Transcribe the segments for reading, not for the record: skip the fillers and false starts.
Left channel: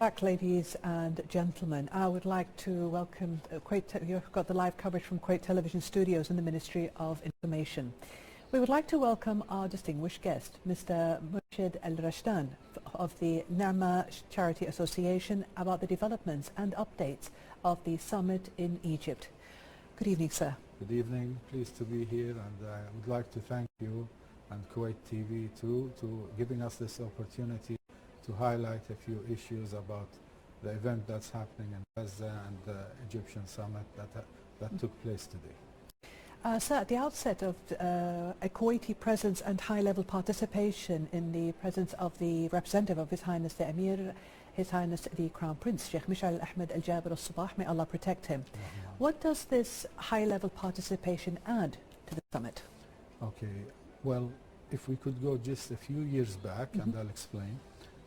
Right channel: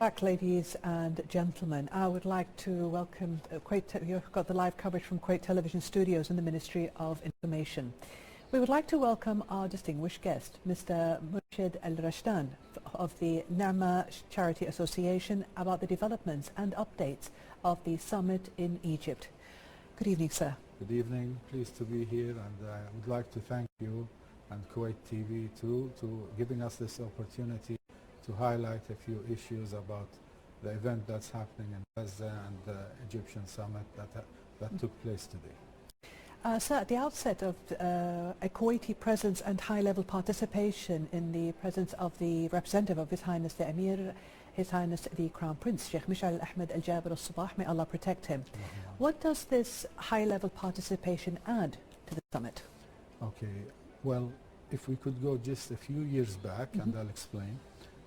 Back, ladies and gentlemen, I would like to welcome you've got the live coverage from Kuwait Television Studios in the Ministry of Information. We would like to welcome our distinguished guest, Mr. Murshed Al-Rashdan of the Namaa Charity Association, about the developments and updates of the summit in Egypt. Good evening, sir. Good evening. Pleased to be here, and I would like to thank you and Kuwait TV too to giving us this opportunity to highlight a few issues about the event that's happening in Gaza and the Egyptian summit that took place today. Sir, at the outset of a Kuwaiti presence and high-level participation in the presence of the representative of His Highness the Emir, His Highness the Crown Prince, Sheikh Murshed Al-Ahmed Al-Jabir Al-Sabah, may Allah protect him. What does this high-level participation add to the summit? Okay, well, if we could go just a few years back, and I'll explain.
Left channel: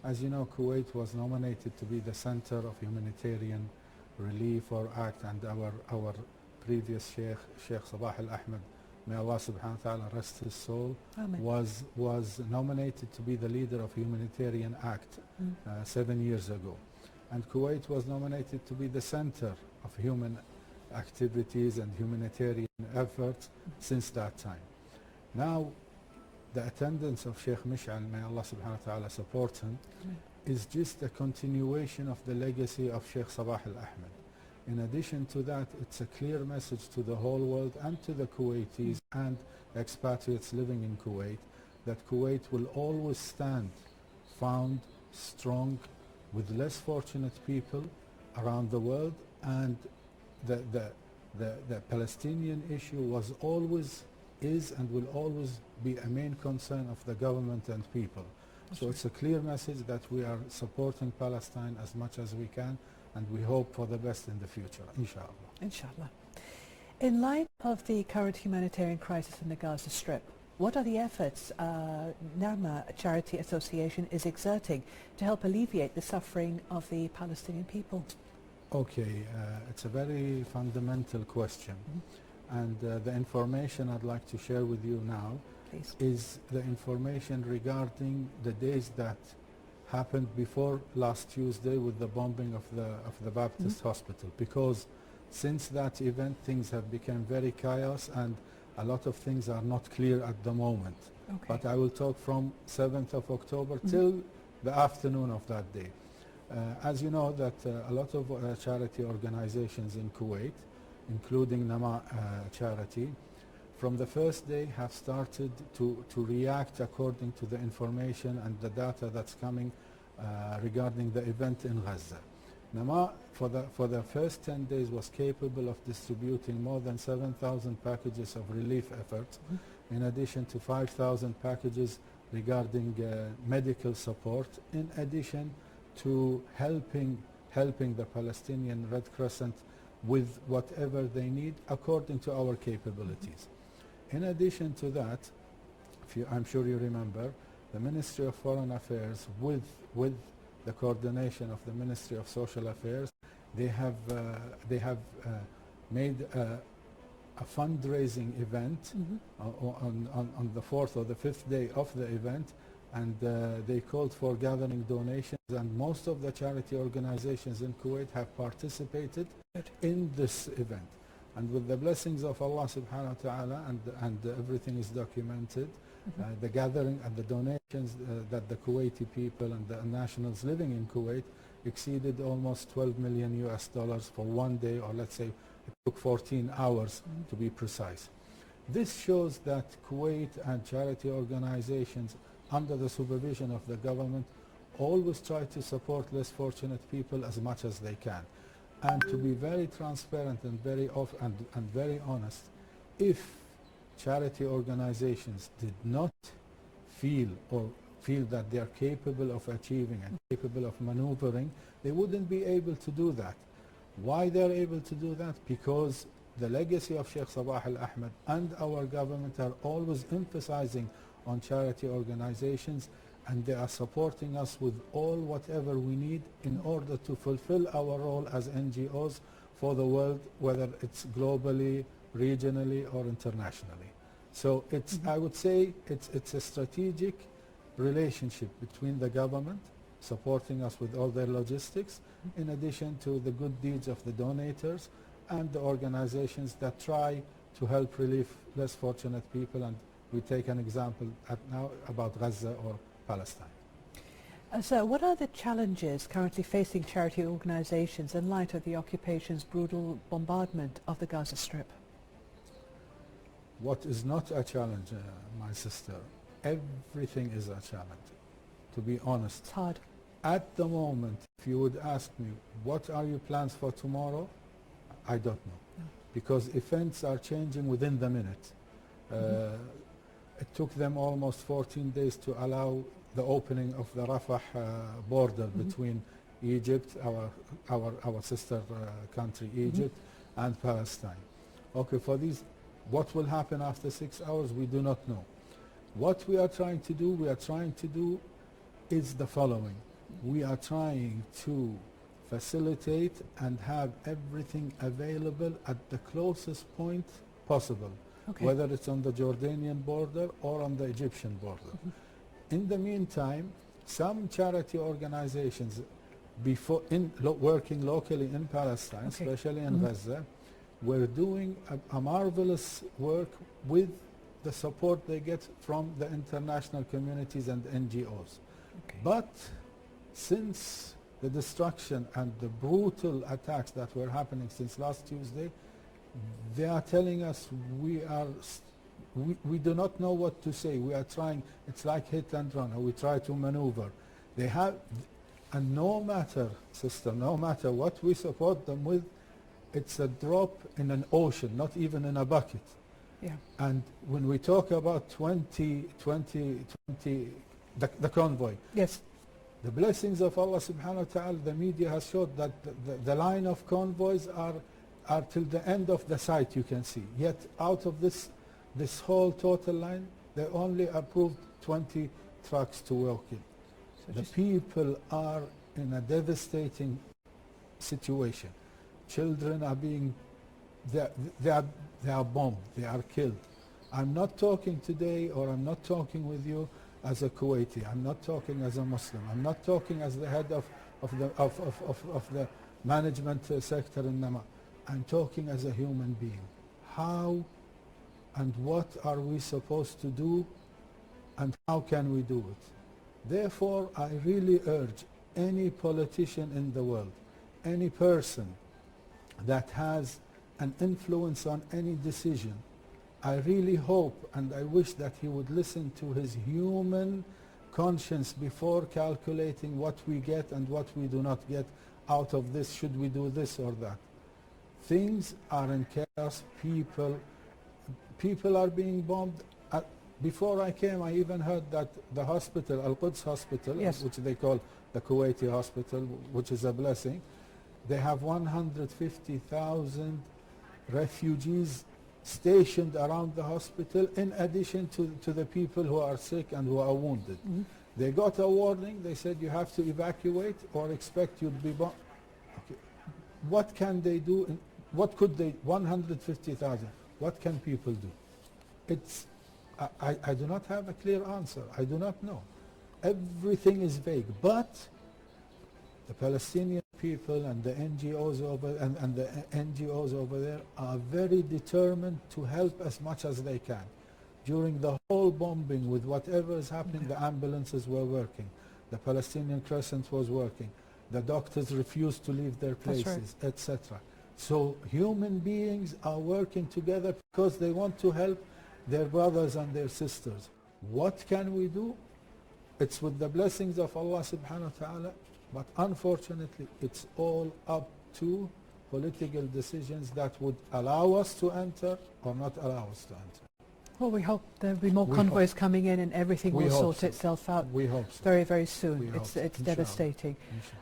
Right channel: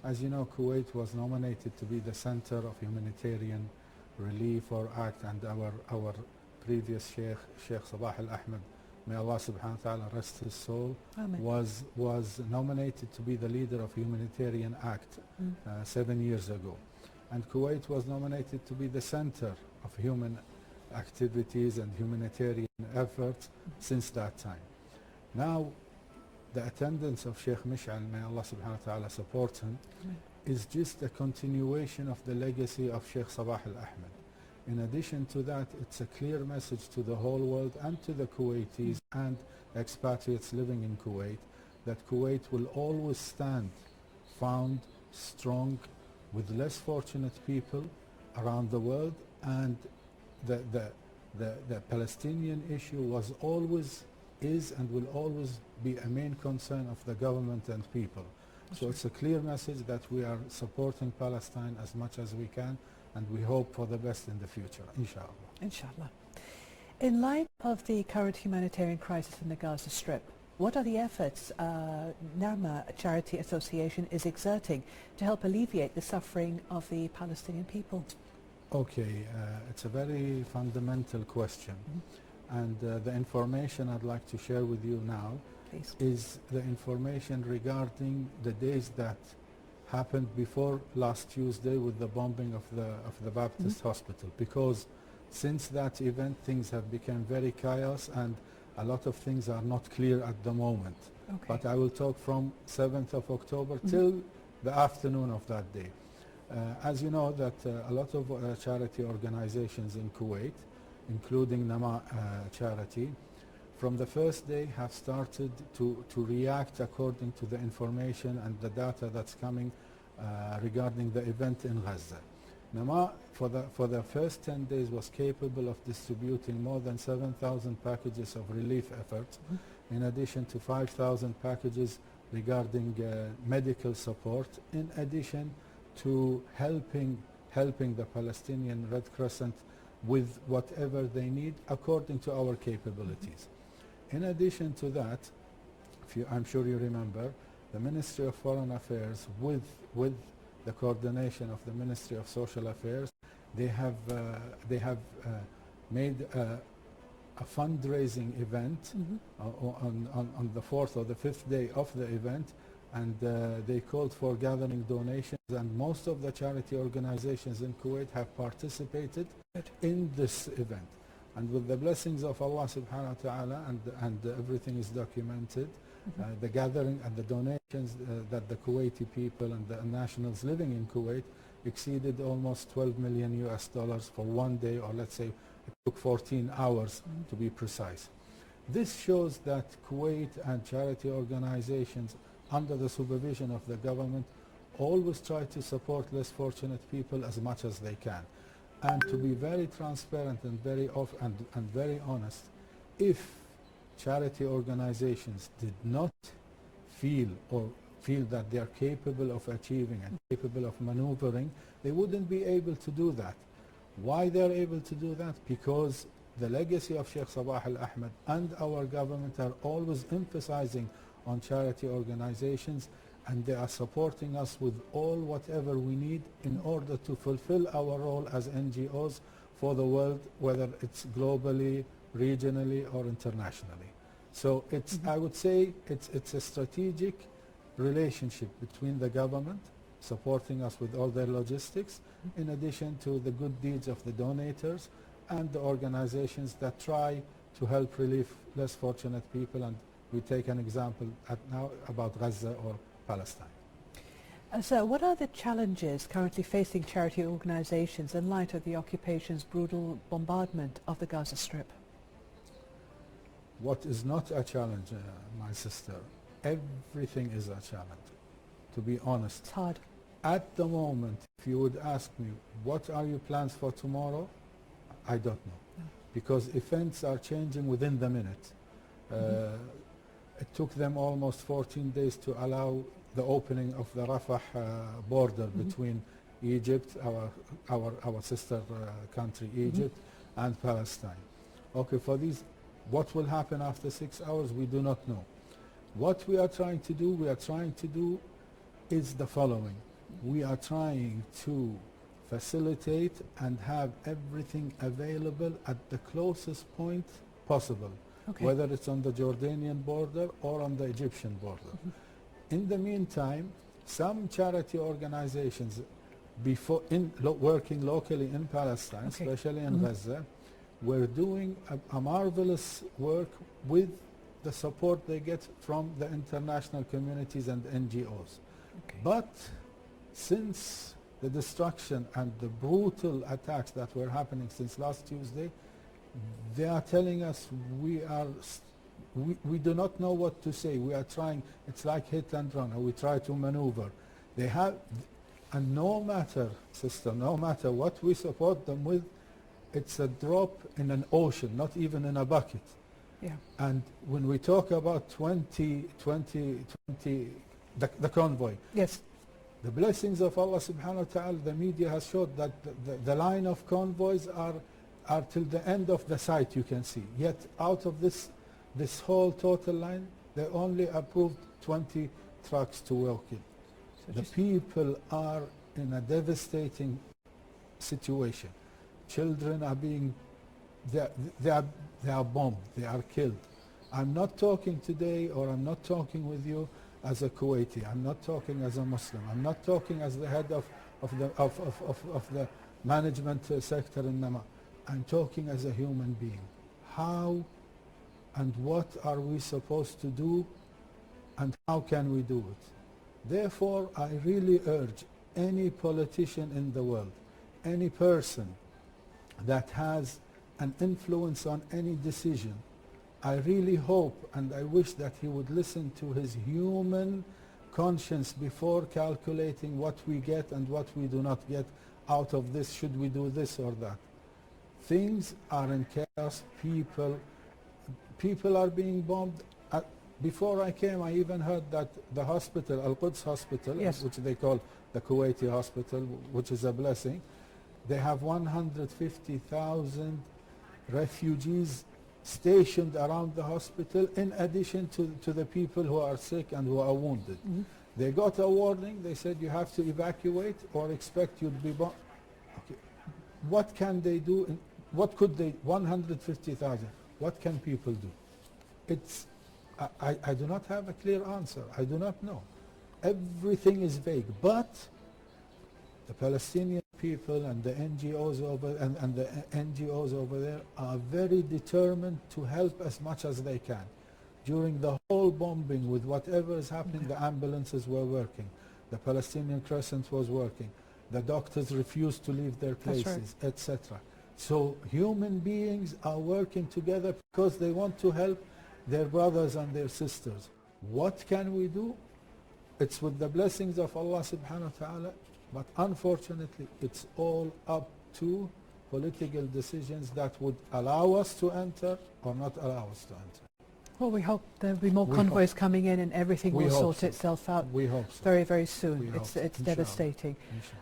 As you know, Kuwait was nominated to be the center of humanitarian relief or act, and our previous Sheikh Sabah Al-Ahmed, may Allah subhanahu wa ta'ala rest his soul, was nominated to be the leader of humanitarian act 7 years ago. And Kuwait was nominated to be the center of human activities and humanitarian efforts since that time. Now, the attendance of Sheikh Murshed, may Allah subhanahu wa ta'ala support him, is just a continuation of the legacy of Sheikh Sabah Al-Ahmed. In addition to that, it's a clear message to the whole world and to the Kuwaitis and expatriates living in Kuwait that Kuwait will always stand found, strong, with less fortunate people around the world, and the Palestinian issue was always, is and will always be a main concern of the government and people. So it's a clear message that we are supporting Palestine as much as we can, and we hope for the best in the future, inshallah. Inshallah. In light of the current humanitarian crisis in the Gaza Strip, what are the efforts Namaa Charity Association is exerting to help alleviate the suffering of the Palestinian people? Okay, it's a very fundamental question. And the information I'd like to share with you now is the information regarding the days that happened before last Tuesday with the bombing of the Baptist hospital, because since that event things have become very chaos and a lot of things are not clear at the moment. But I will talk from 7th of October till the afternoon of that day. As you know that a lot of charity organizations in Kuwait, including Namaa charity, from the first day have started to react according to the information and the data that's coming regarding the event in Gaza. Namaa for the first 10 days was capable of distributing more than 7,000 packages of relief efforts, in addition to 5,000 packages regarding medical support, in addition to helping the Palestinian Red Crescent with whatever they need according to our capabilities. In addition to that, I'm sure you remember, the Ministry of Foreign Affairs with the coordination of the Ministry of Social Affairs, they have made a fundraising event on the 4th or the 5th day of the event, and they called for gathering donations, and most of the charity organizations in Kuwait have participated in this event. And with the blessings of Allah subhanahu wa ta'ala, and everything is documented, the gathering and the donations that the Kuwaiti people and the nationals living in Kuwait exceeded almost $12 million for one day, or let's say it took 14 hours to be precise. This shows that Kuwait and charity organizations under the supervision of the government always try to support less fortunate people as much as they can. And to be very transparent and very very honest, if charity organizations did not feel that they are capable of achieving and capable of maneuvering, they wouldn't be able to do that. Why they're able to do that? Because the legacy of Sheikh Sabah Al-Ahmed and our government are always emphasizing on charity organizations, and they are supporting us with all whatever we need in order to fulfill our role as NGOs for the world, whether it's globally, regionally, or internationally. So it's, I would say, it's a strategic relationship between the government, supporting us with all their logistics, in addition to the good deeds of the donators and the organizations that try to help relieve less fortunate people. And we take an example now about Gaza or Palestine. So what are the challenges currently facing charity organizations in light of the occupation's brutal bombardment of the Gaza Strip? What is not a challenge, my sister? Everything is a challenge, to be honest. It's hard. At the moment, if you would ask me, what are your plans for tomorrow? I don't know. No. Because events are changing within the minute. It took them almost 14 days to allow the opening of the Rafah border between Egypt, our sister country, Egypt, and Palestine. Okay, for these, what will happen after 6 hours, we do not know. What we are trying to do is the following. We are trying to facilitate and have everything available at the closest point possible, whether it's on the Jordanian border or on the Egyptian border. In the meantime, some charity organizations working locally in Palestine, especially in Gaza, were doing a marvelous work with the support they get from the international communities and NGOs. But since the destruction and the brutal attacks that were happening since last Tuesday, they are telling us we do not know what to say. We are trying, it's like hit and run, we try to maneuver. They have, and no matter, sister, no matter what we support them with, it's a drop in an ocean, not even in a bucket. Yeah. And when we talk about the convoy, yes, the blessings of Allah subhanahu wa ta'ala, the media has showed that the line of convoys are till the end of the site, you can see. Yet out of this whole total line, they only approved 20 trucks to work in. So the people are in a devastating situation. Children are being, they are bombed, they are killed. I'm not talking today, or I'm not talking with you as a Kuwaiti. I'm not talking as a Muslim. I'm not talking as the head of the management sector in Namaa. I'm talking as a human being. How and what are we supposed to do, and how can we do it? Therefore, I really urge any politician in the world, any person that has an influence on any decision, I really hope and I wish that he would listen to his human conscience before calculating what we get and what we do not get out of this. Should we do this or that? Things are in chaos. People are being bombed. Before I came, I even heard that the hospital, Al-Quds hospital, which they call the Kuwaiti hospital, which is a blessing, they have 150,000 refugees stationed around the hospital, in addition to the people who are sick and who are wounded. They got a warning. They said you have to evacuate or expect you'll be bombed. Okay. What can they do? What could they, 150,000, what can people do? I do not have a clear answer. I do not know. Everything is vague. But the Palestinian people and the NGOs over there are very determined to help as much as they can. During the whole bombing, with whatever is happening, the ambulances were working. The Palestinian Crescent was working. The doctors refused to leave their places, etc. So human beings are working together because they want to help their brothers and their sisters. What can we do? It's with the blessings of Allah subhanahu wa ta'ala, but unfortunately it's all up to political decisions that would allow us to enter or not allow us to enter. Well, we hope there'll be more convoys coming in and everything will sort itself out very, very soon. It's devastating.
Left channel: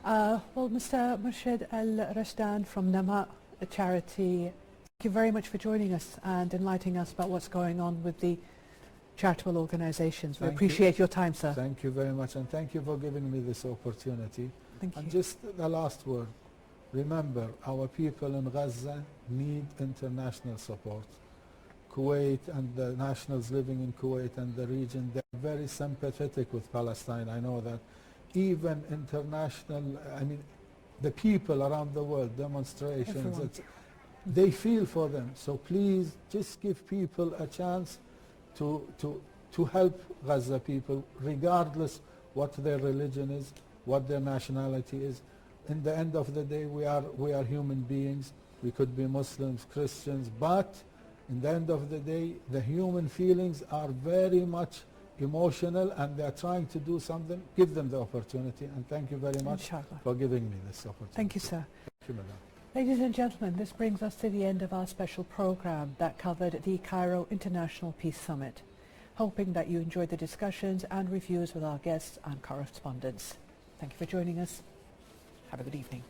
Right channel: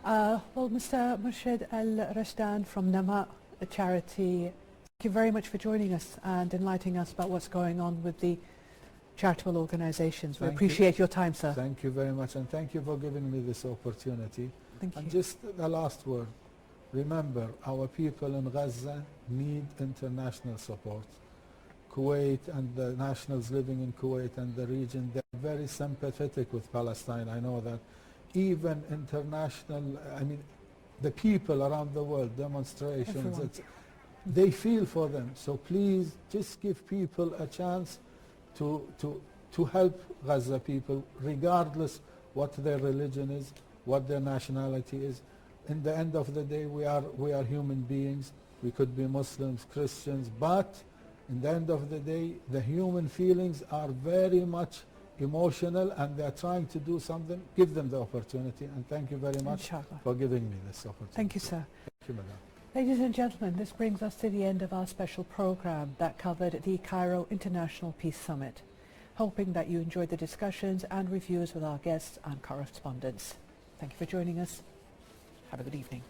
Well, Mr. Murshed Al-Rashdan from Namaa, a charity, thank you very much for joining us and enlightening us about what's going on with the charitable organizations. We appreciate your time, sir. Thank you very much, and thank you for giving me this opportunity. Thank you. And just the last word. Remember, our people in Gaza need international support. Kuwait and the nationals living in Kuwait and the region, they're very sympathetic with Palestine. I know that. even international, I mean, the people around the world, demonstrations, they feel for them. So please just give people a chance to help Gaza people, regardless what their religion is, what their nationality is. In the end of the day, we are human beings. We could be Muslims, Christians, but in the end of the day, the human feelings are very much emotional, and they are trying to do something. Give them the opportunity, and thank you very much for giving me this opportunity. Thank you, sir. Thank you, madam. Ladies and gentlemen, this brings us to the end of our special program that covered the Cairo International Peace Summit. Hoping that you enjoyed the discussions and reviews with our guests and correspondents. Thank you for joining us. Have a good evening.